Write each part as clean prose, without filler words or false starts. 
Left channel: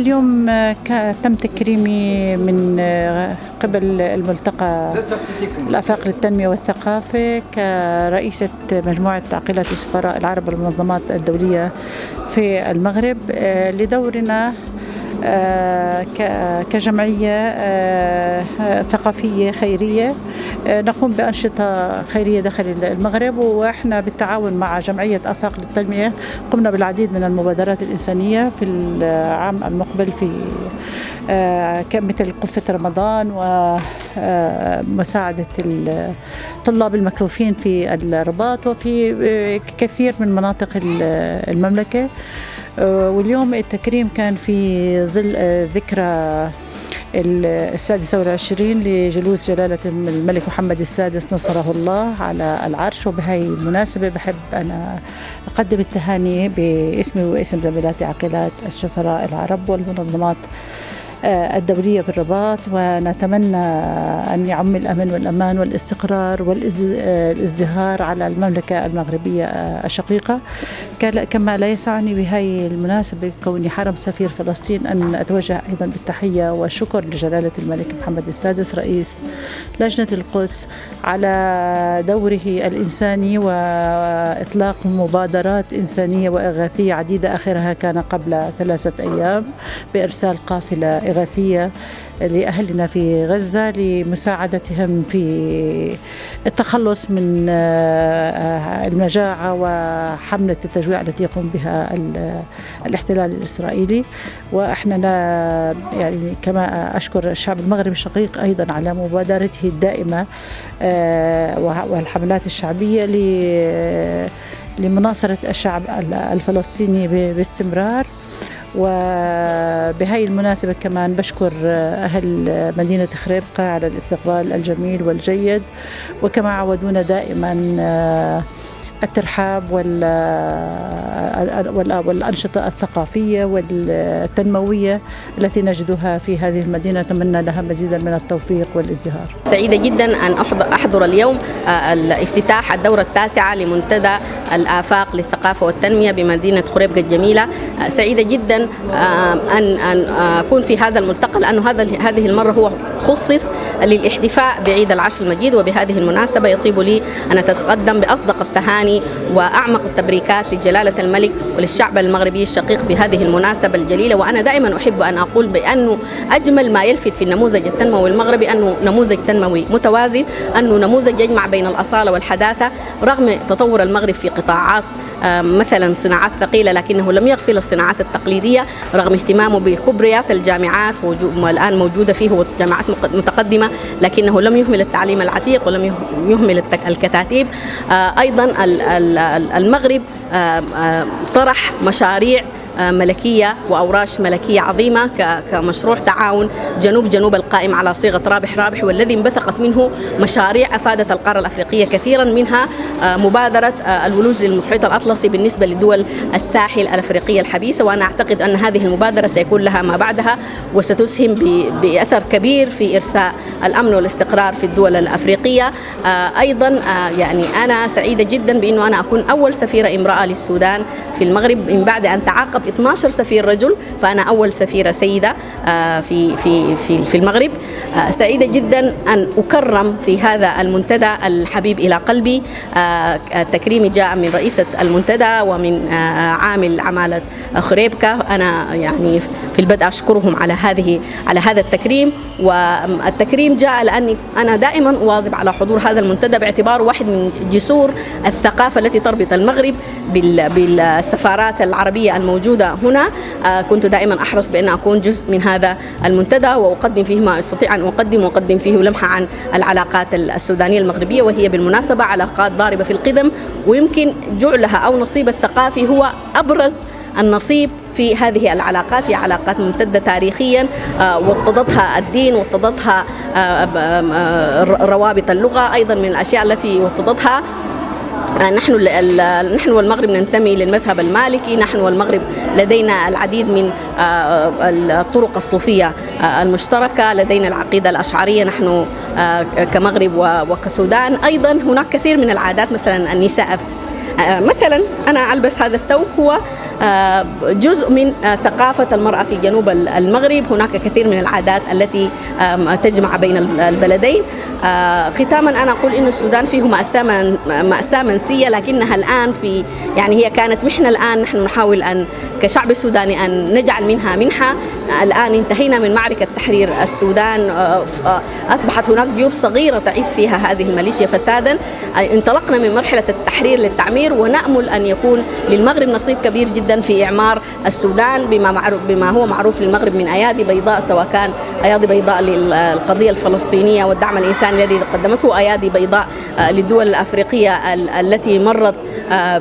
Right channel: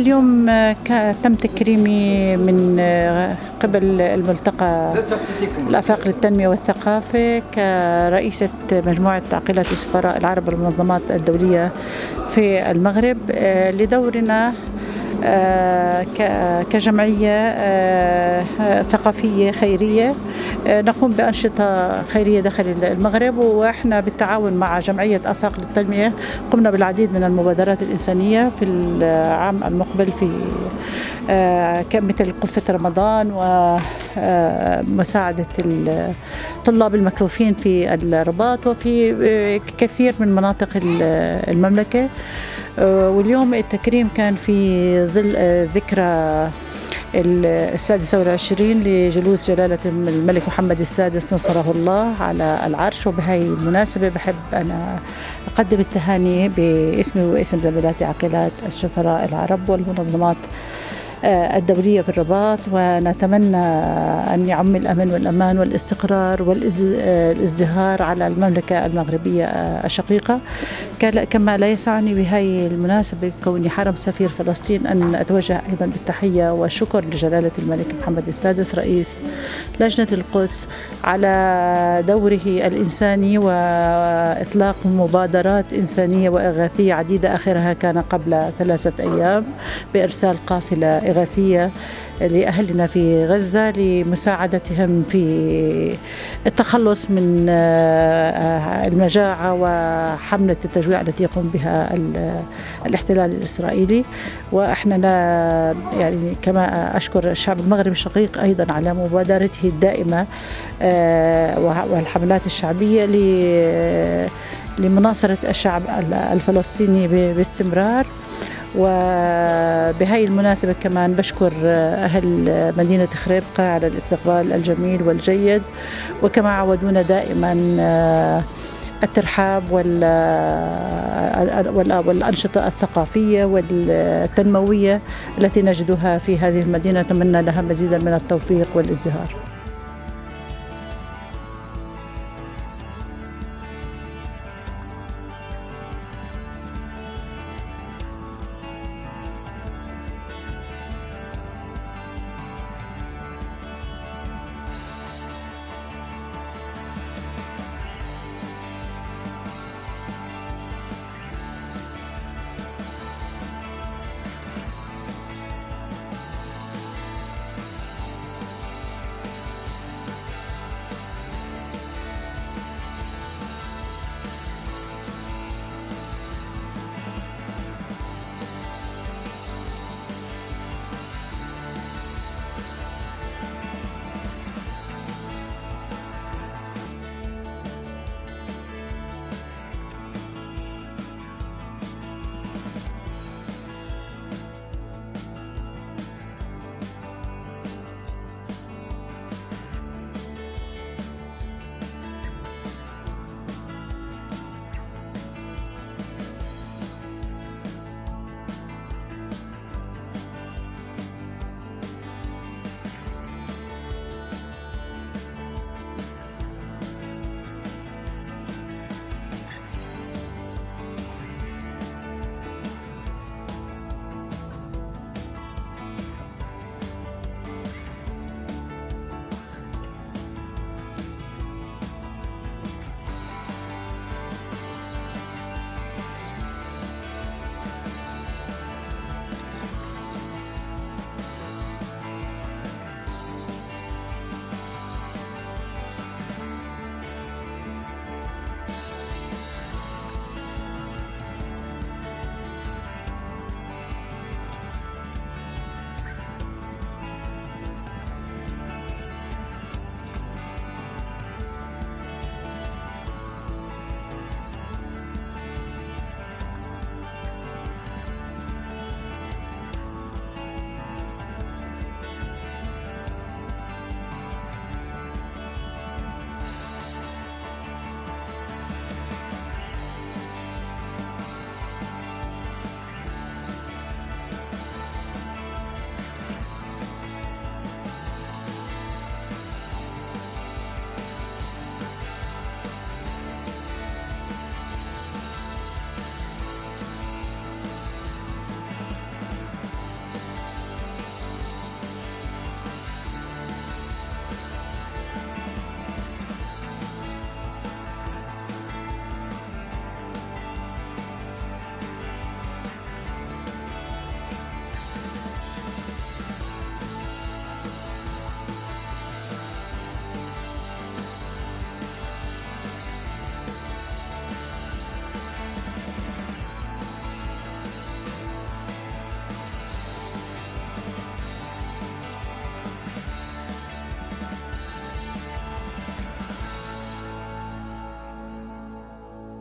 اليوم تم تكريمي من قبل الملتقى الآفاق للتنمية والثقافة كرئيسة مجموعة عقيلات السفراء العرب والمنظمات الدولية في المغرب لدورنا كجمعية ثقافية خيرية نقوم بأنشطة خيرية داخل المغرب، وإحنا بالتعاون مع جمعية آفاق للتنمية قمنا بالعديد من المبادرات الإنسانية في العام المقبل في مثل قفة رمضان ومساعدة الطلاب المكفوفين في الرباط وفي كثير من مناطق المملكة. واليوم التكريم كان في ظل ذكرى 26 لجلوس جلالة الملك محمد السادس نصره الله على العرش، وبهاي المناسبة بحب أنا أقدم التهاني باسمي واسم زميلاتي عقيلات السفراء العرب والمنظمات الدولية بالرباط، ونتمنى أن يعم الأمن والأمان والاستقرار والازدهار على المملكة المغربية الشقيقة. كما لا يسعني بهاي المناسبة كوني حرم سفير فلسطين أن أتوجه أيضا بالتحية والشكر لجلالة الملك محمد السادس رئيس لجنة القدس على دوره الإنساني وإطلاق مبادرات إنسانية وإغاثية عديدة، آخرها كان قبل 3 أيام بإرسال قافلة إغاثية لأهلنا في غزة لمساعدتهم في التخلص من المجاعة وحملة التجويع التي يقوم بها الاحتلال الإسرائيلي. وإحنا يعني كما أشكر الشعب المغربي الشقيق أيضا على مبادرته الدائمة والحملات الشعبية لمناصرة الشعب الفلسطيني باستمرار. وبهاي المناسبة كمان بشكر أهل مدينة خريبقة على الاستقبال الجميل والجيد، وكما عودونا دائما الترحاب والأنشطة الثقافية والتنموية التي نجدها في هذه المدينة. نتمنى لها مزيدا من التوفيق والازدهار. سعيدة جدا أن أحضر اليوم الافتتاح الدورة 9 لمنتدى الآفاق للثقافة والتنمية بمدينة خريبقة الجميلة. سعيدة جدا أن أكون في هذا الملتقى، لأنه هذه المرة هو خصص للاحتفاء بعيد العشر المجيد، وبهذه المناسبة يطيب لي أن أتقدم بأصدق التهاني وأعمق التبريكات لجلالة الملك وللشعب المغربي الشقيق بهذه المناسبة الجليلة. وأنا دائما أحب أن أقول بأنه أجمل ما يلفت في النموذج التنموي المغربي أنه نموذج تنموي متوازن، أنه نموذج يجمع بين الأصالة والحداثة رغم تطور المغرب في قطاعات مثلا صناعات ثقيلة، لكنه لم يغفل الصناعات التقليدية رغم اهتمامه بكبريات الجامعات والآن موجودة فيه جامعات متقدمة، لكنه لم يهمل التعليم العتيق ولم يهمل الكتاتيب. أيضا المغرب طرح مشاريع ملكية وأوراش ملكية عظيمة كمشروع تعاون جنوب القائم على صيغة رابح، والذي انبثقت منه مشاريع أفادت القارة الأفريقية كثيرا، منها مبادرة الولوج للمحيط الأطلسي بالنسبة لدول الساحل الأفريقية الحبيسة. وأنا أعتقد أن هذه المبادرة سيكون لها ما بعدها وستسهم بأثر كبير في إرساء الأمن والاستقرار في الدول الأفريقية. أيضا يعني أنا سعيدة جدا بأنه أنا أكون أول سفيرة امرأة للسودان في المغرب من بعد أن تعاقب 12 سفير رجل، فأنا أول سفيرة سيدة في المغرب. سعيدة جدا أن أكرم في هذا المنتدى الحبيب إلى قلبي. التكريم جاء من رئيسة المنتدى ومن عامل عمالة خريبكة. أنا يعني في البدء أشكرهم على هذا التكريم. والتكريم جاء لأني أنا دائما أواظب على حضور هذا المنتدى باعتباره واحد من جسور الثقافة التي تربط المغرب بالسفارات العربية الموجودة هنا. كنت دائما أحرص بأن أكون جزء من هذا المنتدى وأقدم فيه ما أستطيع أن أقدم فيه لمحة عن العلاقات السودانية المغربية، وهي بالمناسبة علاقات ضاربة في القدم، ويمكن جعلها أو نصيب الثقافي هو أبرز النصيب في هذه العلاقات. هي علاقات ممتدة تاريخيا وطدتها الدين وطدتها روابط اللغة، أيضا من الأشياء التي وطدتها نحن والمغرب ننتمي للمذهب المالكي. نحن والمغرب لدينا العديد من الطرق الصوفية المشتركة، لدينا العقيدة الأشعرية نحن كمغرب وكسودان. أيضا هناك كثير من العادات، مثلا النساء مثلا أنا ألبس هذا الثوب هو جزء من ثقافة المرأة في جنوب المغرب. هناك كثير من العادات التي تجمع بين البلدين. ختاما أنا أقول إن السودان فيه مأساة منسية، لكنها الآن يعني هي كانت محنة، الآن نحن نحاول أن كشعب سوداني أن نجعل منها منحة. الآن انتهينا من معركة تحرير السودان، أصبحت هناك جيوب صغيرة تعيث فيها هذه الميليشيا فسادا. انطلقنا من مرحلة التحرير للتعمير، ونأمل أن يكون للمغرب نصيب كبير جدا في إعمار السودان بما هو معروف للمغرب من أيادي بيضاء، سواء كان أيادي بيضاء للقضية الفلسطينية والدعم الإنساني الذي قدمته، أيادي بيضاء للدول الأفريقية التي مرت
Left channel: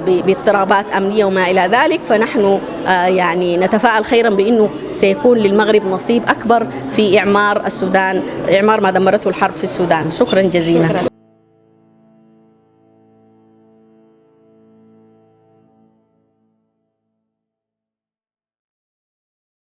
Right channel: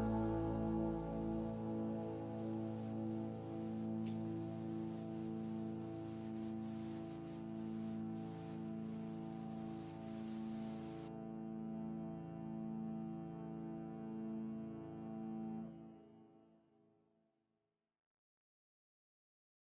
باضطرابات أمنية وما إلى ذلك. فنحن يعني نتفائل خيرا بأنه سيكون للمغرب نصيب أكبر في إعمار السودان، إعمار ما دمرته الحرب في السودان. شكرا جزيلا.